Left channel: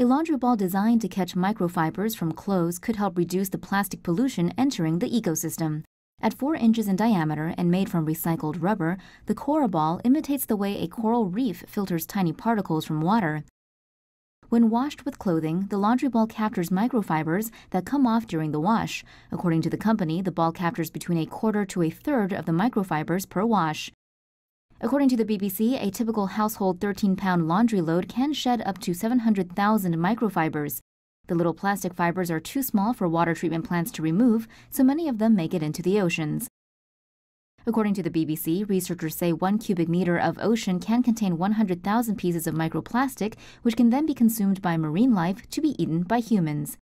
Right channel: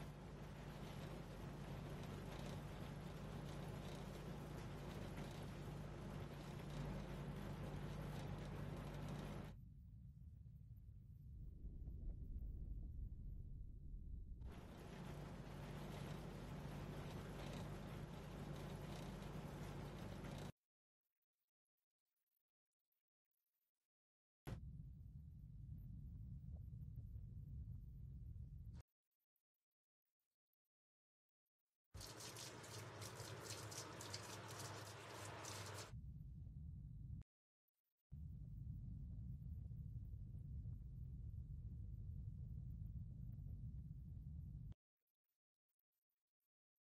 A laundry ball designed to catch microfibers from clothes could help reduce the plastic pollution entering the ecosystem. At 4 inches in diameter and made from recycled rubber, the Cora Ball imitates the way a coral reef filters tiny particles from water. When washed with clothing, the laundry ball captures microfibers that come off during the wash. According to the company, the ball captures between a quarter to a third of the microfibers per wash. According to the BBC, a typical household 13-pound laundry load can shed up to 700,000 microfibers. The little plastic fibers are too small for water treatment plants to remove, so many of them make it into the oceans. According to the BBC, researchers say 1 cubic meter of ocean can contain 100,000 pieces of microplastic, which can then be consumed by marine life to be eaten by humans.